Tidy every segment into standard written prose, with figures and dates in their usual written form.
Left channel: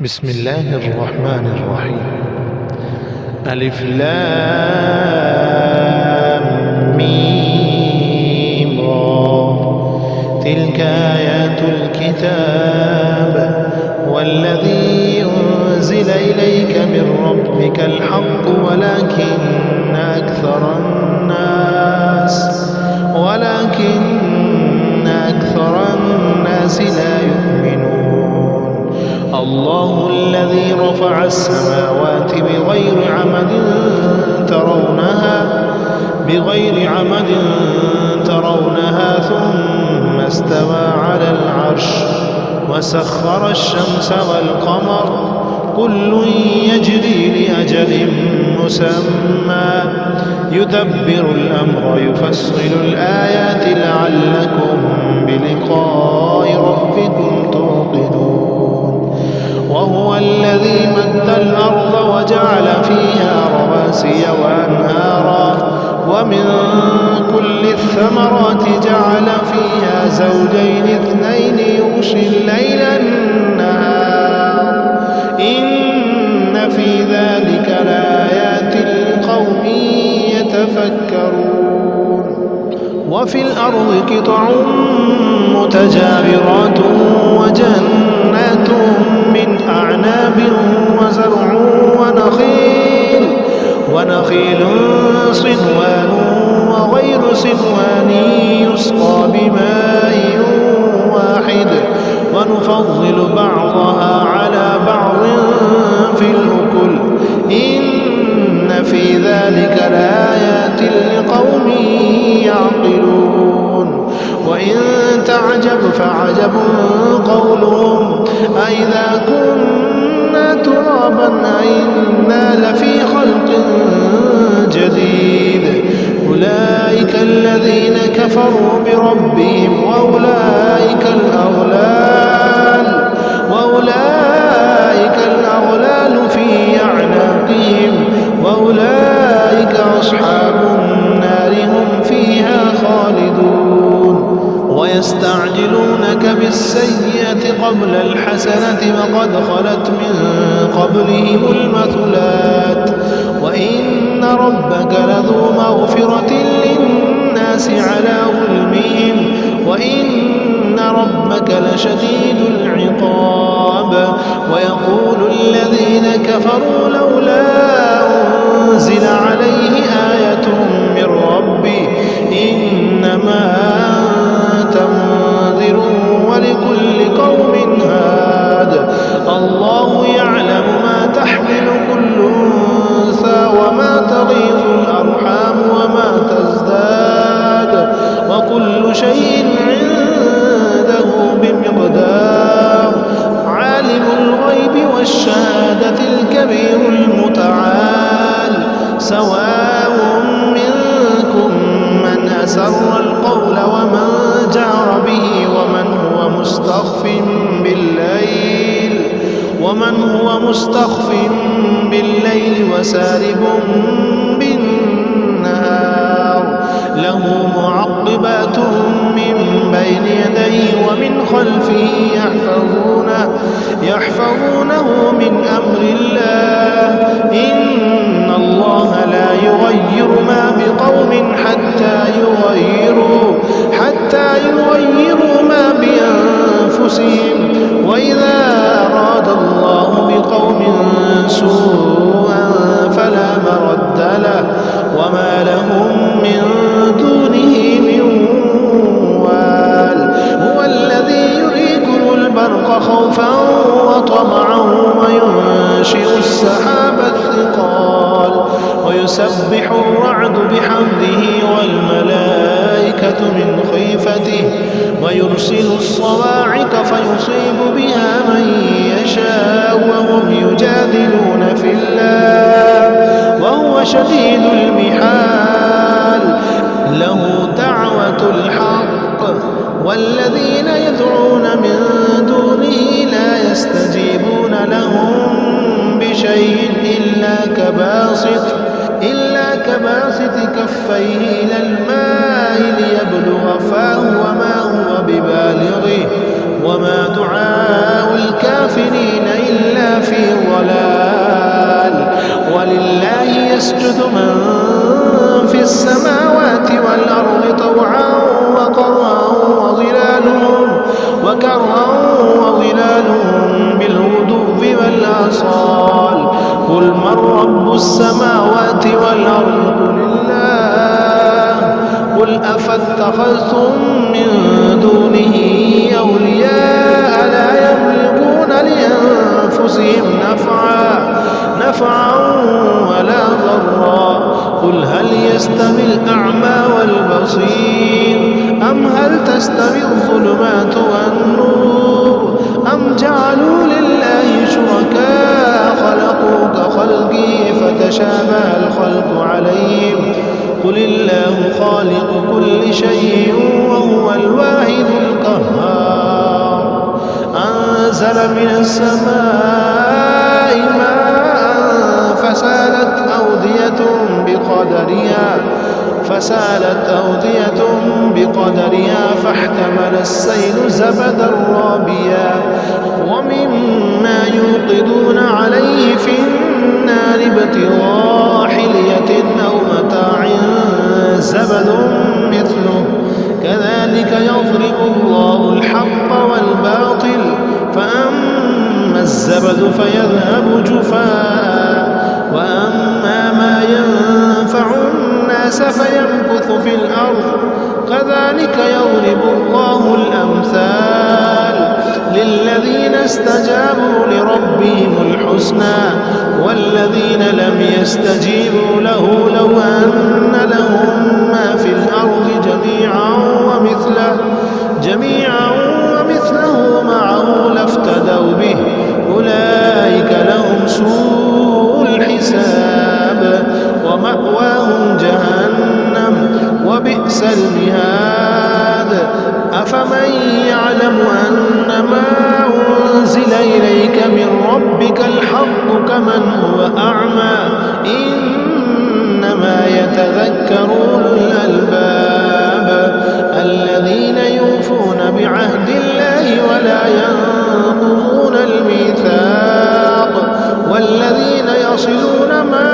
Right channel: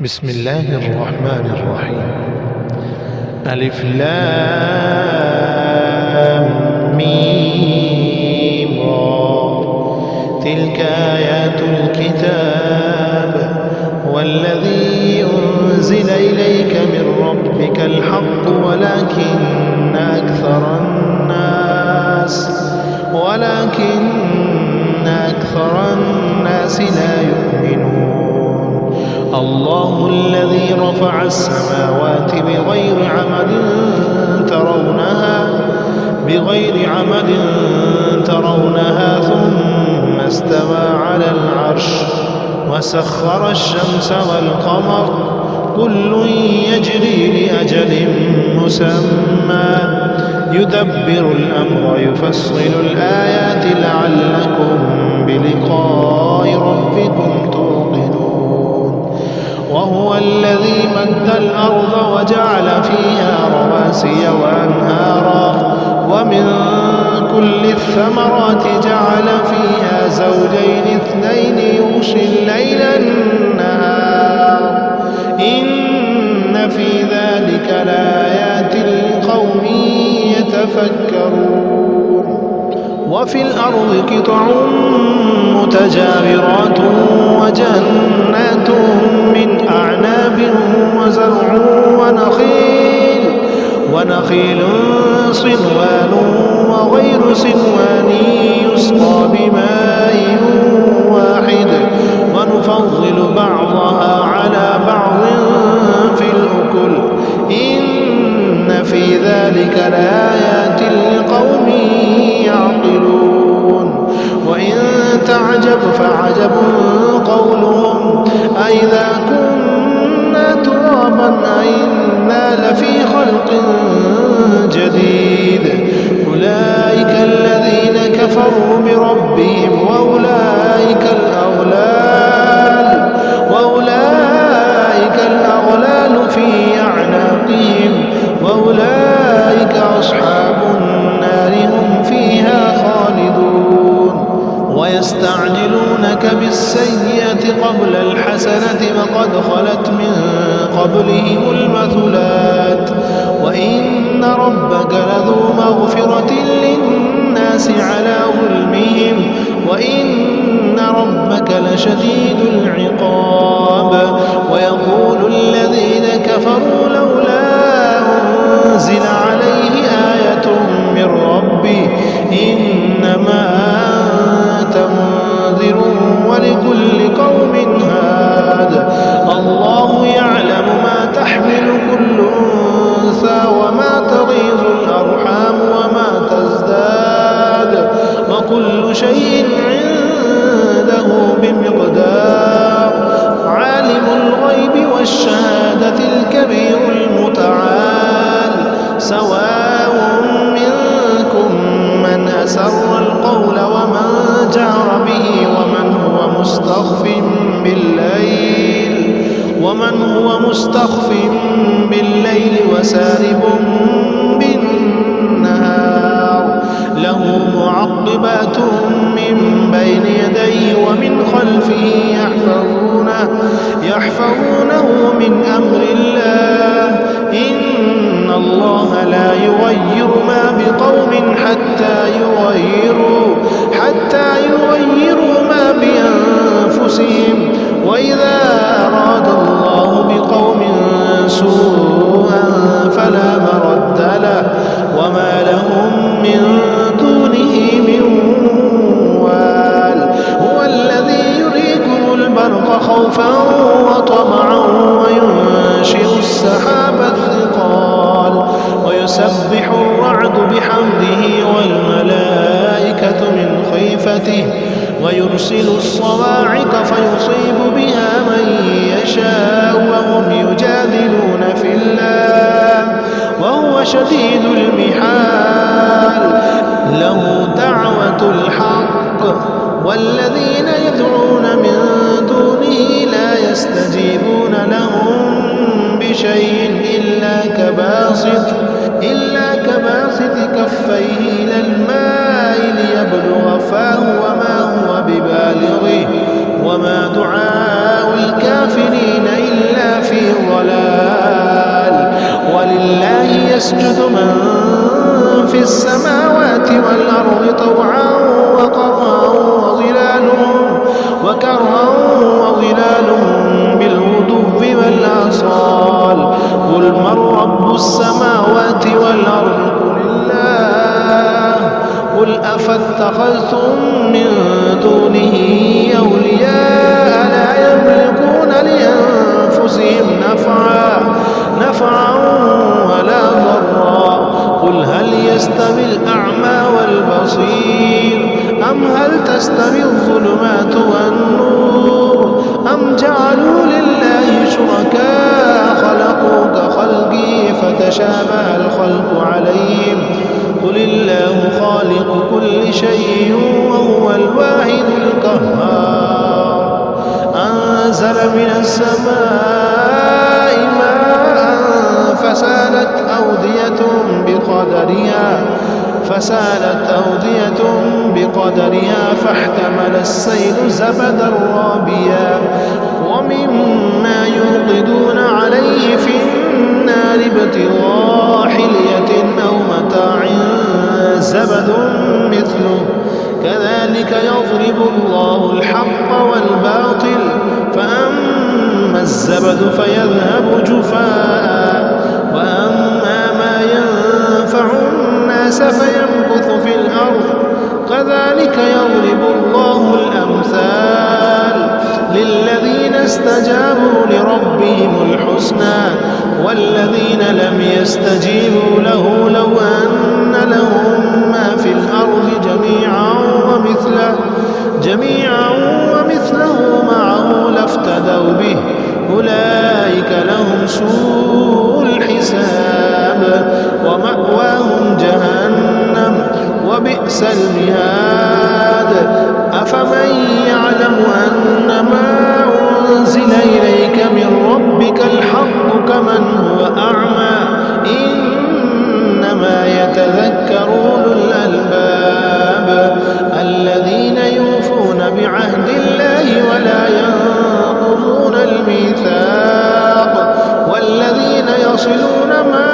بسم الله الرحمن الرحيم. ألف لام ميم را، تلك آيات الكتاب والذي أنزل إليك من ربك الحق ولكن أكثر الناس لا يؤمنون. الله الذي رفع السماوات بغير عمد ترونها ثم استوى على العرش وسخر الشمس والقمر كل يجري لأجل مسمى يدبر الأمر يفصل الآيات لعلكم بلقاء ربكم توقنون. وهو الذي مد الأرض وجعل فيها رواسي وأنهارا ومن كل الثمرات جعل فيها زوجين اثنين يغشي الليل النهار إن في ذلك لآيات لقوم يتفكرون. وفي الأرض قطع متجاورات وجنات من أعناب وزرع ونخيل صنوان وغير صنوان يسقى بماء واحد ونفضل بعضها على بعض في الأكل إن في ذلك لآيات لقوم يعقلون. وإن تعجب فعجب قولهم أإذا كنا ترابا أإنا لفي خلق جديد أولئك الذين كفروا بربهم وأولئك الأغلال في أعناقهم وأولئك أصحاب النار هم فيها خالدون. ويستعجلونك بالسيئة قبل الحسنة وقد خلت من قبلهم المثلات وإن ربك لذو مغفرة للناس على ظلمهم وإن ربك لشديد العقاب. ويقول الذين كفروا لولا أنزل عليه آية من ربه إنما أنت منذر ولكل قوم هاد. الله يعلم ما تحمل كل أنثى وما تغيظ الأرحام وما تزداد وكل شيء عنده بمقدار. عالم الغيب والشهادة الكبير المتعال. سواء منكم من أسر القول ومن جهر به ومن هو مستخف بالليل وسارب بالنهار. له معقبات من بين يديه ومن خلفه يحفظونه من أمر الله. إن الله لا يغير ما بقوم حتى يغيروا ما بأنفسهم. وإذا أراد الله بقوم سوءا فلا مرد له وما لهم من دونه من وال. هو الذي يريكم البرق خوفا وطمعا وينشئ السحاب الثقال ويسبح الرعد بحمده والملائكة من خيفته ويرسل الصواعق فيصيب بها من يشاء وهم يجادلون في الله وهو شديد المحال. له دعوة الحق والذين يدعون من دونه لا يستجيبون لهم بشيء إلا كباسط كفيه إلى الماء ليبلغ فاه وما هو ببالغه وما دعاء الكافرين إلا في ضلال. ولله يسجد من في السماوات والأرض طوعا وكرها وظلالهم بالغدو والآصال. قل من رب السماوات والأرض قل الله. قل أفاتخذتم من دونه أولياء لا يملكون لأنفسهم نفعا ولا ضرا. قل هل يستوي الأعمى والبصير أم هل تستوي الظلمات والنور أم جعلوا لله شركاء خلقوا كخلقه فتشابه الخلق عليهم. قل الله خالق كل شيء وهو الواحد القهار. أنزل من السماء ماء فسالت أودية بقدرها فاحتمل السيل زبدا رابيا. ومما يوقدون عليه في النار ابتغاء حلية أو متاع زبد مثله كذلك يضرب الله الحق والباطل فأما الزبد فيذهب جفاء وأما ما ينفع الناس فيمكث في الأرض كذلك يضرب الله الأمثال للذين استجابوا لربهم الحسنى والذين لم يستجيبوا له لو أن لهم ما في الأرض جميعا ومثله معه لافتدوا به أولئك لهم سوء الحساب ومأواهم جهنم وبئس المهاد. أفمن يعلم أن ما أنزل إليك من ربك الحق كمن هو أعمى إنما يتذكر أولو الألباب الذين يوفون بعهد الله ولا ينقضون الميثاق والذين يصلون ما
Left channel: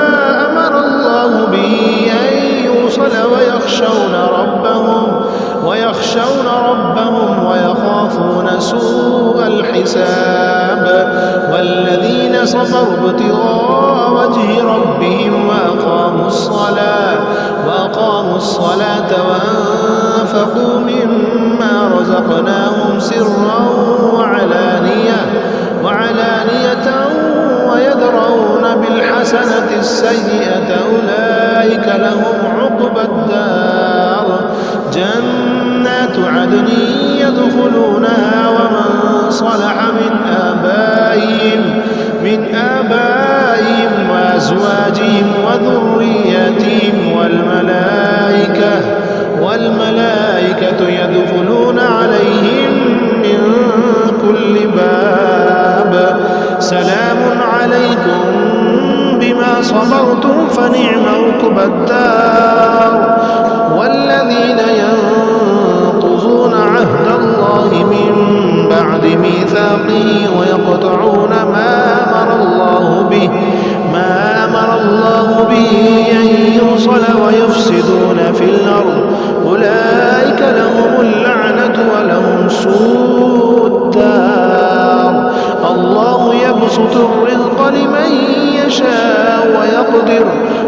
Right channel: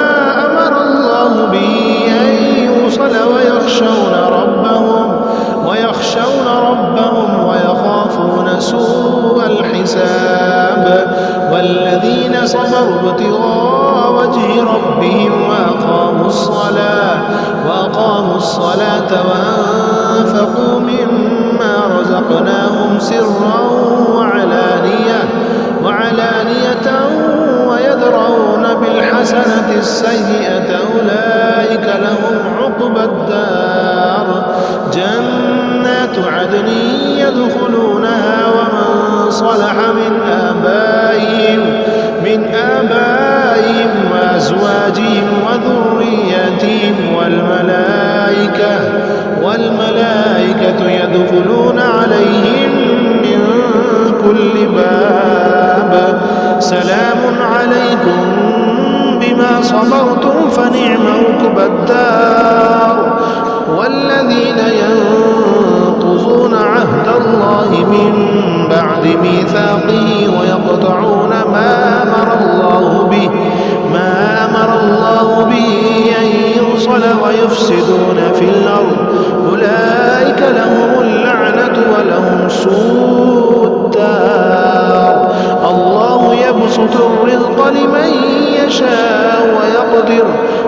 أمر الله به أن يوصل ويخشون ربهم ويخافون سوء الحساب. والذين صبروا ابتغاء وجه ربهم وأقاموا الصلاة وأنفقوا مما رزقناهم سرا وعلانية ويدرؤون بالحسنة السيئة أولئك لهم عقبى الدار جنات عدن يدخلونها ومن صلح من آبائهم وأزواجهم وذرياتهم والملائكة يدخلون عليهم من كل باب سلام عليكم بما صبرتم فنعم عقبى الدار. والذين ينقضون عهد الله من بعد ميثاقه ويقطعون ما أمر الله به أن يوصل ويفسدون في الأرض أولئك لهم اللعنة ولهم سوء الدار. الله يبسط الرزق لمن يشاء ويقدر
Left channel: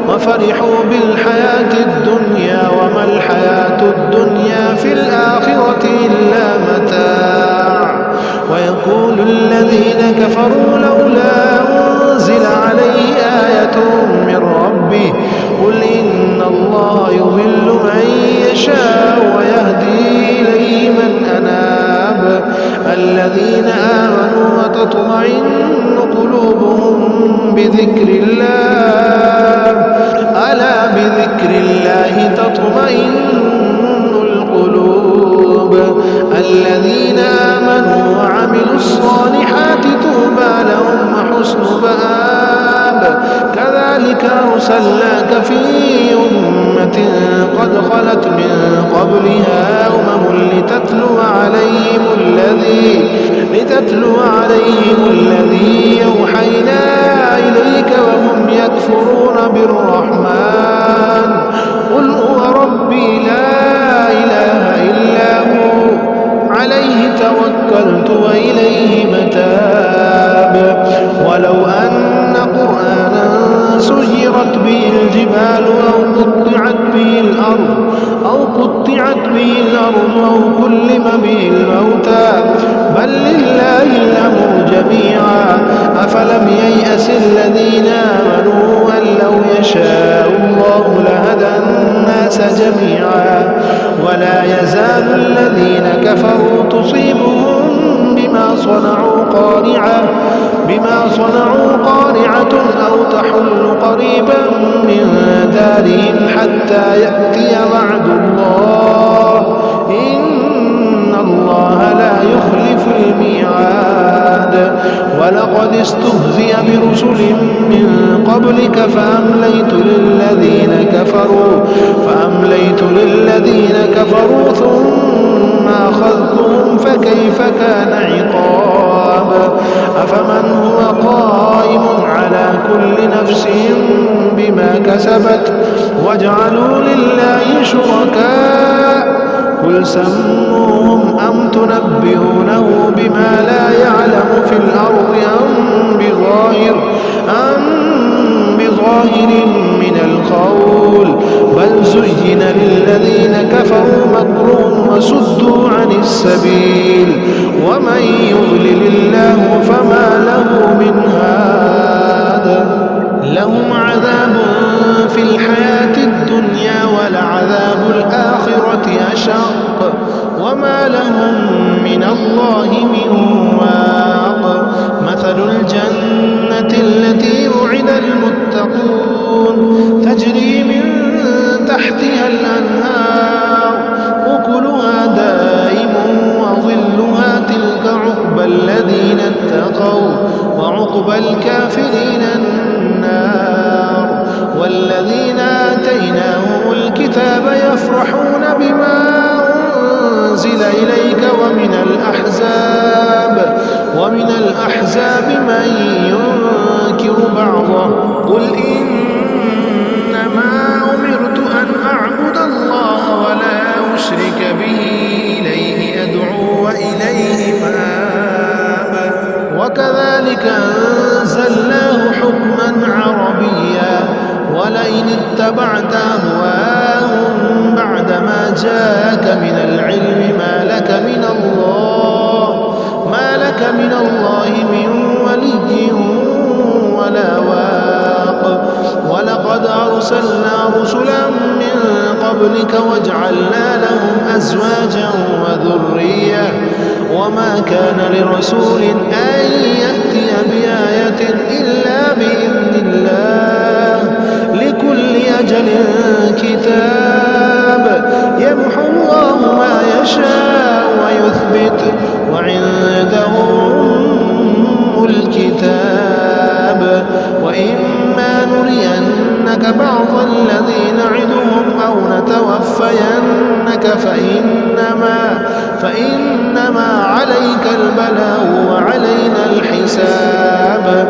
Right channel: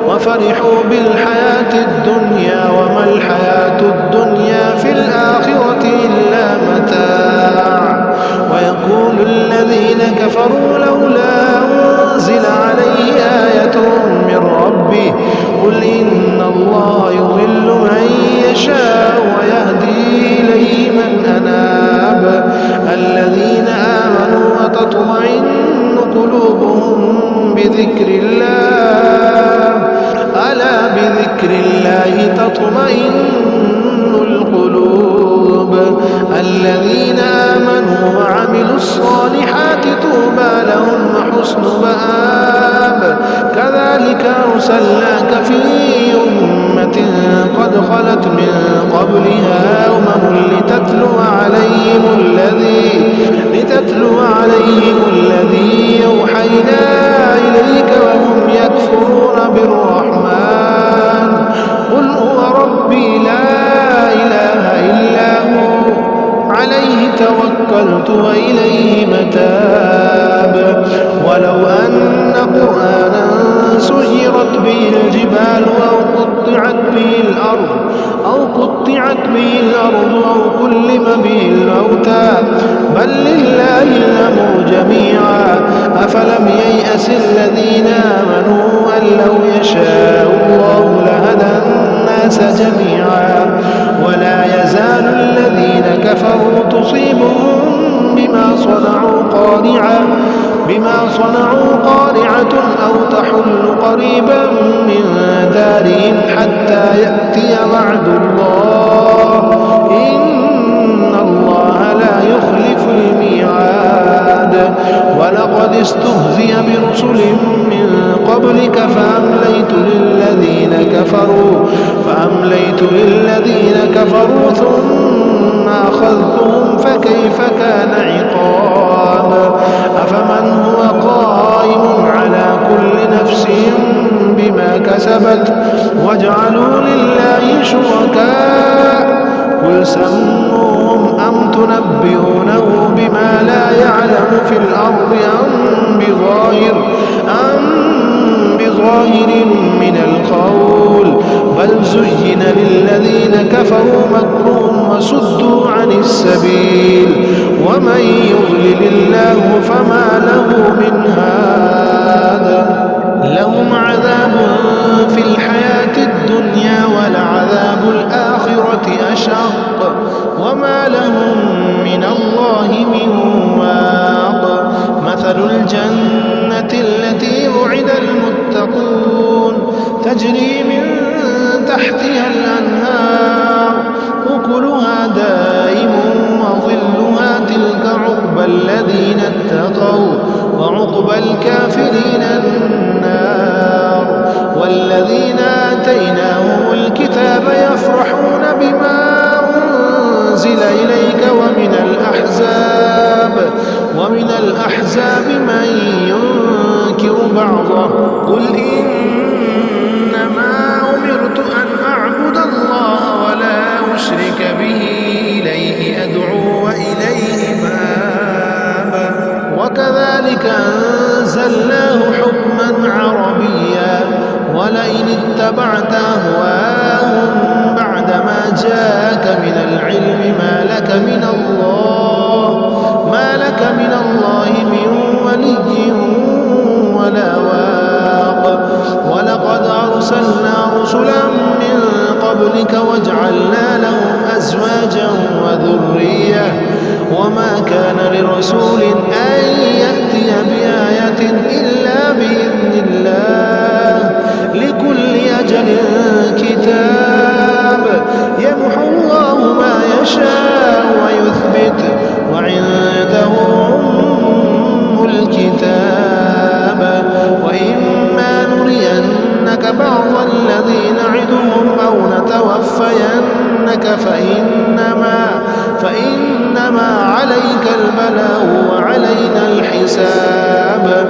وفرحوا بالحياة الدنيا وما الحياة الدنيا في الآخرة إلا متاع. ويقول الذين كفروا لولا أنزل عليه آية من ربه قل إن الله يضل من يشاء ويهدي إليه من أناب. الذين آمنوا وتطمئن قلوبهم بذكر الله ألا بذكر الله تطمئن القلوب. الذين آمنوا وعملوا الصالحات طوبى لهم وحسن مآب كذلك أرسلناك في أمة قد خلت من قبلها لتتلو عليهم الذي يوحينا إليك وهم يكفرون بالرحمن قل هو ربي لا إله إلا هو عليه توكلت وإليه متاب ولو أن قرآنا سيرت به الجبال أو قطعت به الأرض أو كلم به الموتى بل لله الأمر جميعا أفلم ييأس الذين آمنوا أن لو يشاء الله لهدى الناس جميعا ولا يزال الذين كفروا تصيبهم بما صنعوا قارعة أو تحل قريبا من دارهم حتى يأتي وعد الله إن الله لا يخلف الميعاد ولقد استهزئ برسل من قبلك فأمليت للذين كفروا ثم أخذتهم فكيف كان عقاب أفمن هو قائم على كل نفس بما كسبت وجعلوا لله شركاء قل سموهم أم تنبئونه بما لا يعلم في الأرض أم بظاهر من القول بل زين للذين كفروا مكرهم وصدوا عن السبيل ومن يضلل الله فما له من هاد لهم عذاب في الحياة الدنيا ولعذاب الآخرة أشق وما لهم من الله من واق مثل الجنة التي وعد المتقون تجري من تحتها الأنهار أكلها دائم وظلها تلك عقبى الذين اتقوا وعقبى الكافرين النار والذين آتيناهم الكتاب يفرحون بما أنزل إليك ومن الأحزاب من ينكر بعضه قل إنما أمرت أن أعبد الله ولا أشرك به إليه أدعو وإليه مآب وكذلك أنزلناه حكما عربيا ولئن اتبعت أهواءهم بعدما جاءك من العلم ما لك من الله من ولي ولا واق ولقد أرسلنا رسلا من قبلك وجعلنا لهم أزواجا وذرية وما كان لرسول أن يأتي بآية إلا بإذن الله لكل أجل كتاب يمحو الله ما يشاء ويثبت وعنده أم الكتاب وإما نرينك بعض الذي نعدهم أو نتوفينك فإنما عليك البلاغ وعلينا الحساب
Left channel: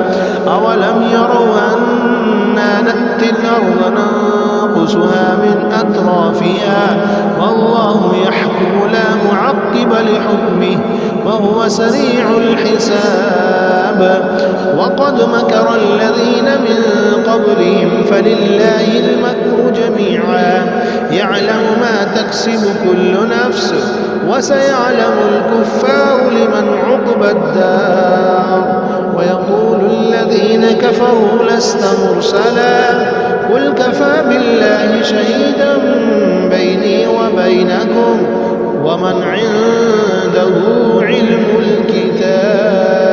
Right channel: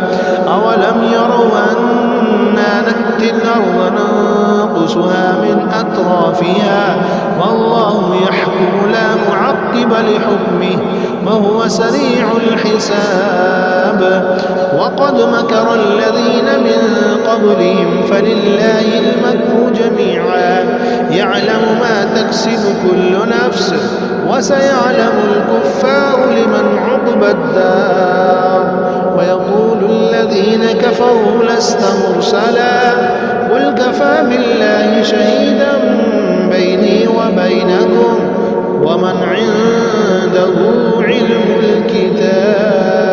أولم يروا أنا نأتي الأرض ننقصها من أطرافها والله يحكم لا معقب لحكمه وهو سريع الحساب وقد مكر الذين من قبلهم فلله المكر جميعا يعلم ما تكسب كل نفس وسيعلم الكفار لمن عقبى الدار ويقول الذين كفروا لست مرسلا قل كفى بالله شهيدا بيني وبينكم ومن عنده علم الكتاب